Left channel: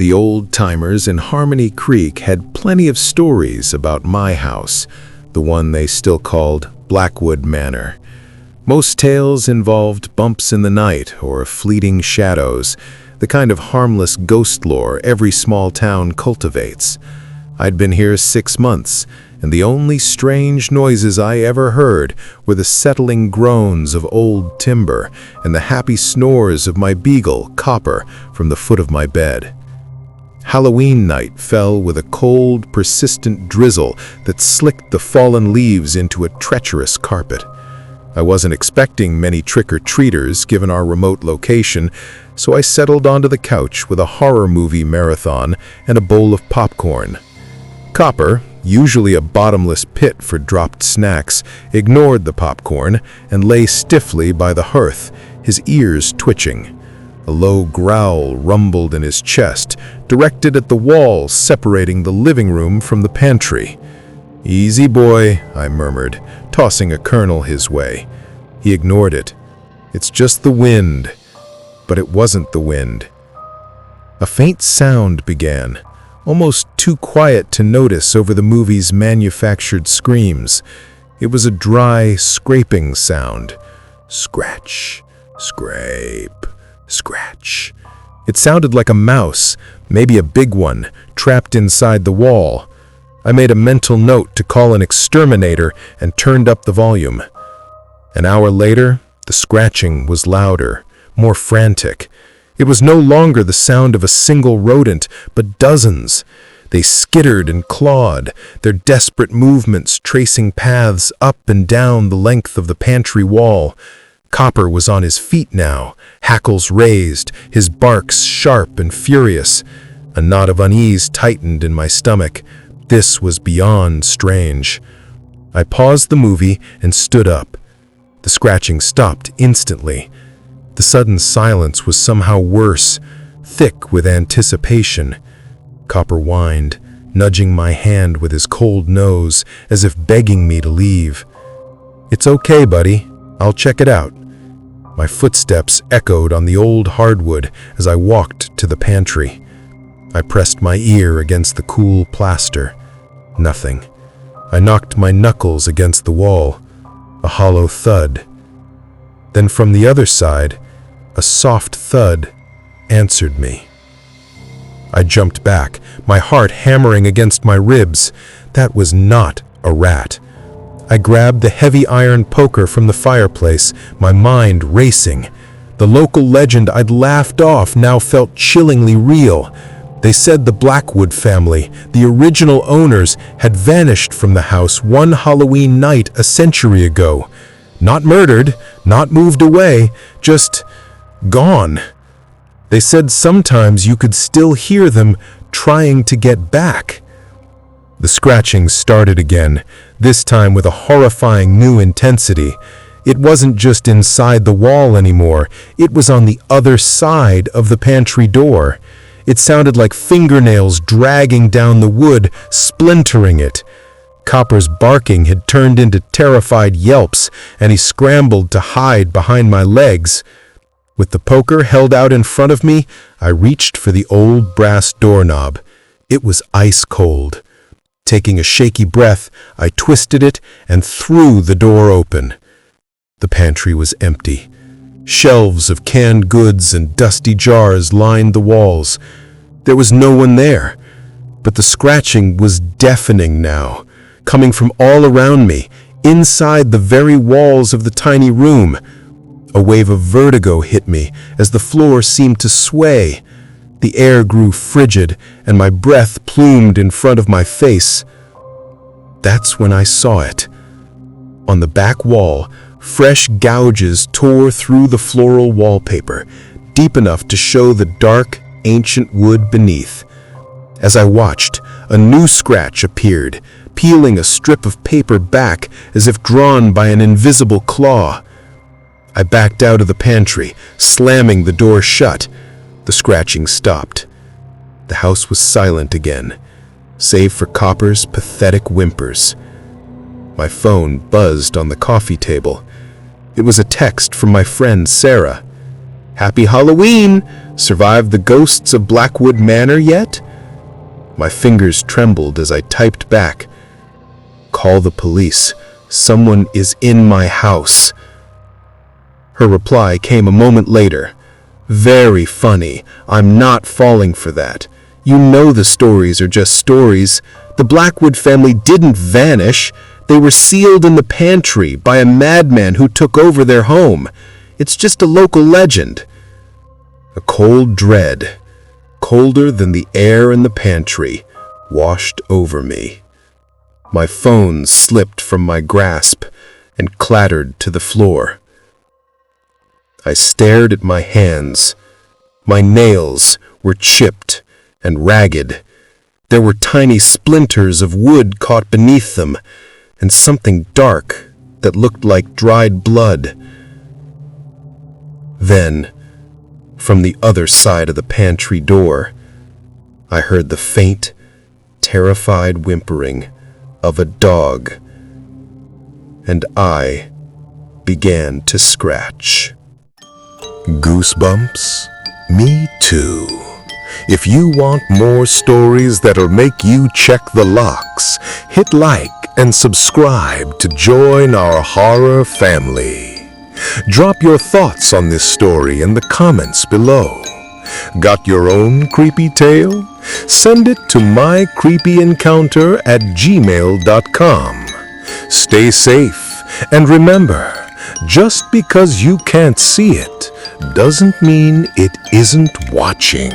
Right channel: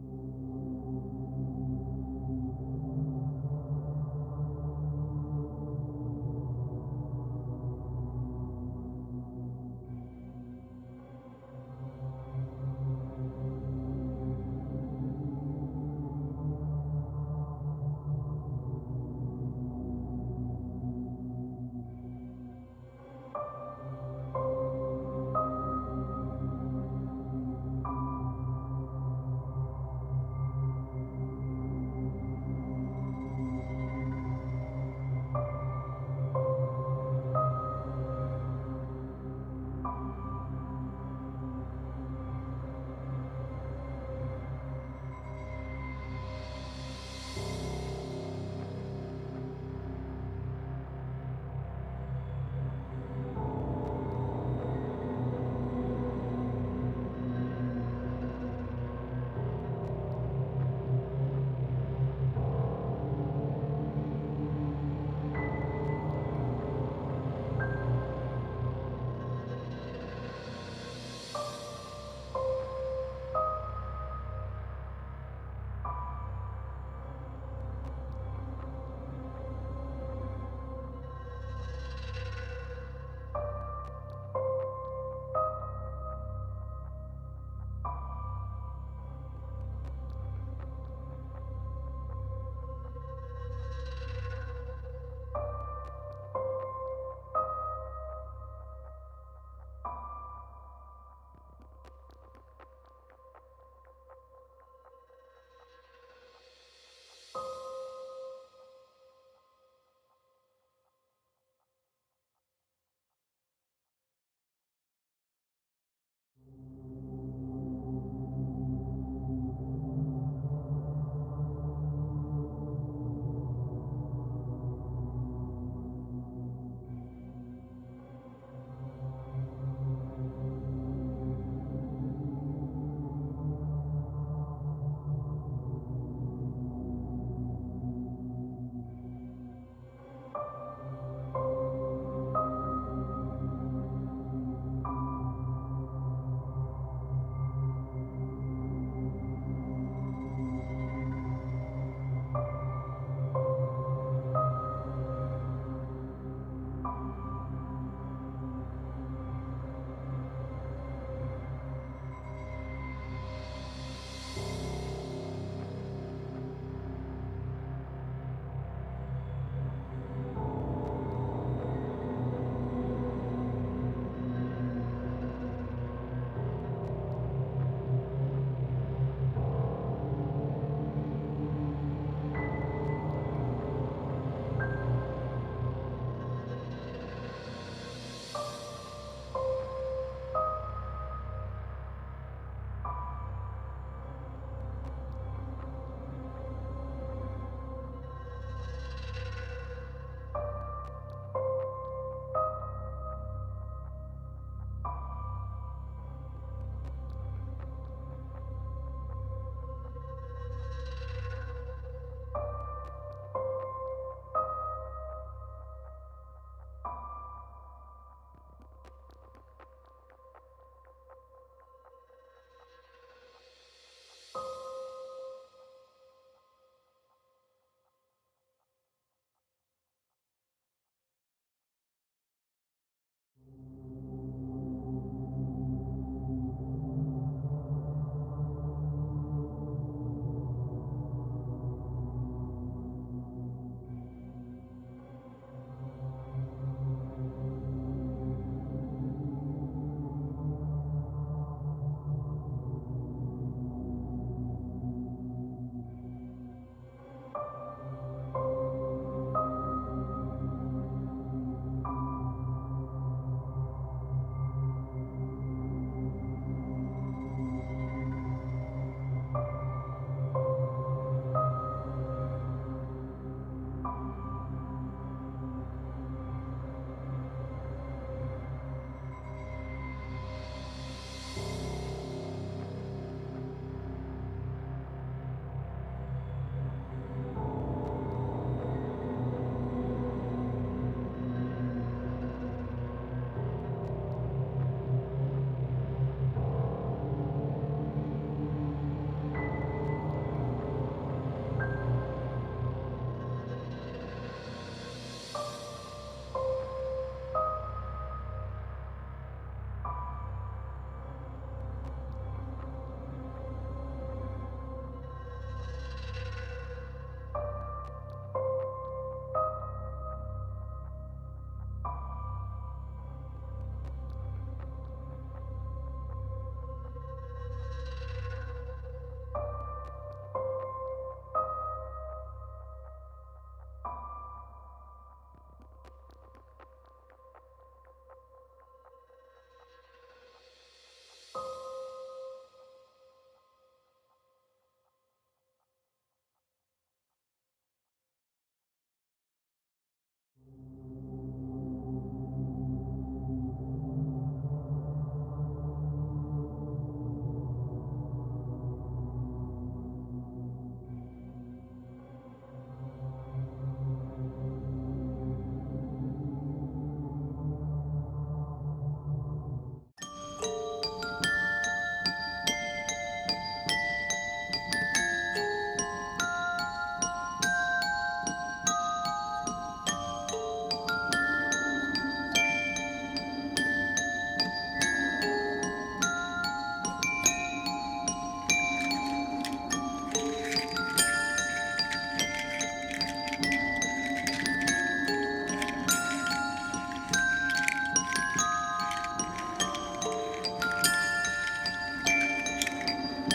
The old-timers in Harmony Creek had plenty of stories about my house, the one they still called Blackwood Manor. Most tales involved bumps in the night or fleeting shadows, the kind of harmless ghost lore every small town cultivates. I'd been here 6 months, and the only strange noises I ever heard were the settling groans of old timber and the happy snores of my beagle, Copper, from the foot of my bed. Halloween night fell with a cold, persistent drizzle that slicked the fallen leaves into a treacherous carpet. I wasn't expecting many trick-or-treaters given our remote location, so I settled onto the couch with a horror movie marathon and a bowl of popcorn. Copper, usually a bottomless pit for dropped snacks, ignored the popcorn and lay stiffly by the hearth, his ears twitching. A low growl rumbled in his chest, directed at the wall separating the living room from the pantry. "Easy, boy," I murmured, tossing a kernel his way. He ignored it. "It's just the wind." But it wasn't the wind. A faint sound began, almost too quiet to notice over the movie's manufactured screams. It was a dry, scraping sound. Scratch, scrape, scratch. It sounded like a mouse, maybe a big one, trapped inside the wall. I made a mental note to call an exterminator and turned up the volume. An hour later, the scratching was louder, more frantic. It was no longer the sound of a single rodent, but dozens. They skittered and clawed, their desperate movements tracing paths up and down the length of the pantry wall. Copper was on his feet now, hackles raised, his barks sharp and furious. A knot of unease tightened in my stomach. This was beyond strange. I paused the movie and stood up. The scratching stopped instantly. The sudden silence was somehow worse, thick with anticipation. Copper whined, nudging my hand with his cold nose, as if begging me to leave. "It's okay, buddy. I'll check it out." My footsteps echoed on the old hardwood as I walked to the pantry. I pressed my ear against the cool plaster. Nothing. I knocked my knuckles against the wall. A hollow thud. Then from the other side, a soft thud answered me. I jumped back, my heart hammering against my ribs. That was not a rat. I grabbed the heavy iron poker from the fireplace, my mind racing. The local legend I'd laughed off now felt chillingly real. They said the Blackwood family, the original owners, had vanished from the house one Halloween night a century ago. Not murdered, not moved away, just gone. They said sometimes you could still hear them trying to get back. The scratching started again, this time with a horrifying new intensity. It wasn't just inside the wall anymore, it was on the other side of the pantry door. It sounded like fingernails dragging down the wood, splintering it. Copper's barking had turned into terrified yelps, and he scrambled to hide behind my legs. With the poker held out in front of me, I reached for the old brass doorknob. It was ice cold. Taking a shaky breath, I twisted it and threw the door open. The pantry was empty. Shelves of canned goods and dusty jars lined the walls. There was no one there, but the scratching was deafening now, coming from all around me, inside the very walls of the tiny room. A wave of vertigo hit me as the floor seemed to sway. The air grew frigid, and my breath plumed in front of my face. That's when I saw it. On the back wall, fresh gouges tore through the floral wallpaper, deep enough to show the dark, ancient wood beneath. As I watched, a new scratch appeared, peeling a strip of paper back as if drawn by an invisible claw. I backed out of the pantry, slamming the door shut. The scratching stopped. The house was silent again, save for Copper's pathetic whimpers. My phone buzzed on the coffee table. It was a text from my friend Sarah. "Happy Halloween! Survived the ghosts of Blackwood Manor yet? My fingers trembled as I typed back. Call the police. Someone is in my house. Her reply came a moment later. Very funny. I'm not falling for that. You know the stories are just stories. The Blackwood family didn't vanish. They were sealed in the pantry by a madman who took over their home. It's just a local legend. A cold dread, colder than the air in the pantry, washed over me. My phone slipped from my grasp and clattered to the floor. I stared at my hands. My nails were chipped and ragged. There were tiny splinters of wood caught beneath them, and something dark that looked like dried blood. Then, from the other side of the pantry door, I heard the faint, terrified whimpering of a dog, and I began to scratch. Goosebumps? Me too. If you want more stories that'll make you check the locks, hit like and subscribe to join our horror family. Drop your thoughts on this story in the comments below. Got your own creepy tale? Send it to mycreepyencounter@gmail.com. Stay safe, and remember, just because you can't see it doesn't mean it isn't watching.